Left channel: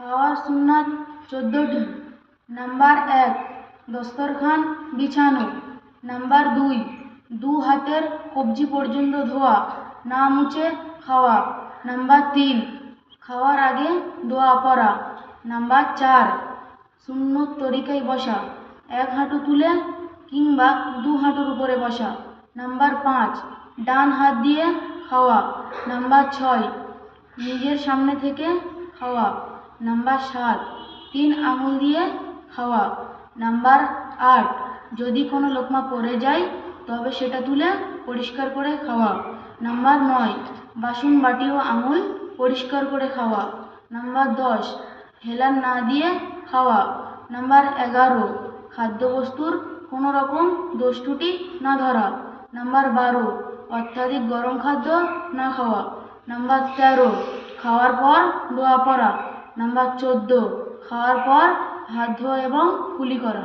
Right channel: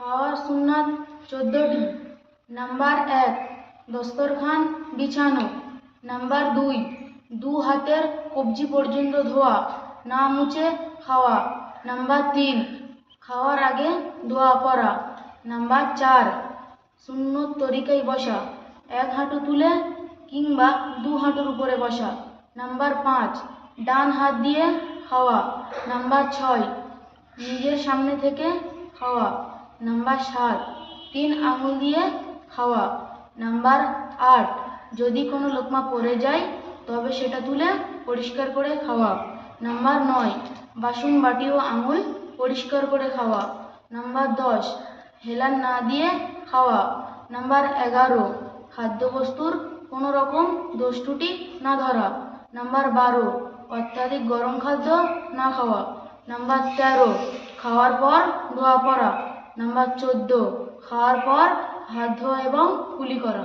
খাওয়ার সুন্নাত 14টি। নাম্বার 1, দস্তরখান বিছানো। নাম্বার 2, দু হাতের কবজি পর্যন্ত ধোয়া, না মুছে খাওয়া। নাম্বার 3, খাওয়ার আগে দোয়া পড়া। নাম্বার 4, সুন্নত তরিকায় বসা, এক হাঁটু তুলে কিংবা দু হাঁটুর উপরে বসা। নাম্বার 5, ডান হাত দিয়ে খাওয়া। নাম্বার 6, নিজের সামনে থেকে খাওয়া। নাম্বার 7, 3 আঙুল দিয়ে খাওয়া। নাম্বার 8, যদি কোনো লোকমা পড়ে যায় তবে সেটা তুলে পরিষ্কার করে খাওয়া। নাম্বার 9, বাসন বাটি ও আঙুল পরিষ্কার করে খাওয়া। নাম্বার 10, হেলান না দিয়ে খাওয়া। নাম্বার 11, খাদ্যবস্তুর কোনো রকম দোষ ত্রুটি না ধরা। নাম্বার 12, অত্যাধিক গরম খাদ্য না খাওয়া। নাম্বার 13, খাওয়ার পর দোয়া পড়া। নাম্বার 14, খাওয়ার পর হাত ধোয়া এবং কুলি করা।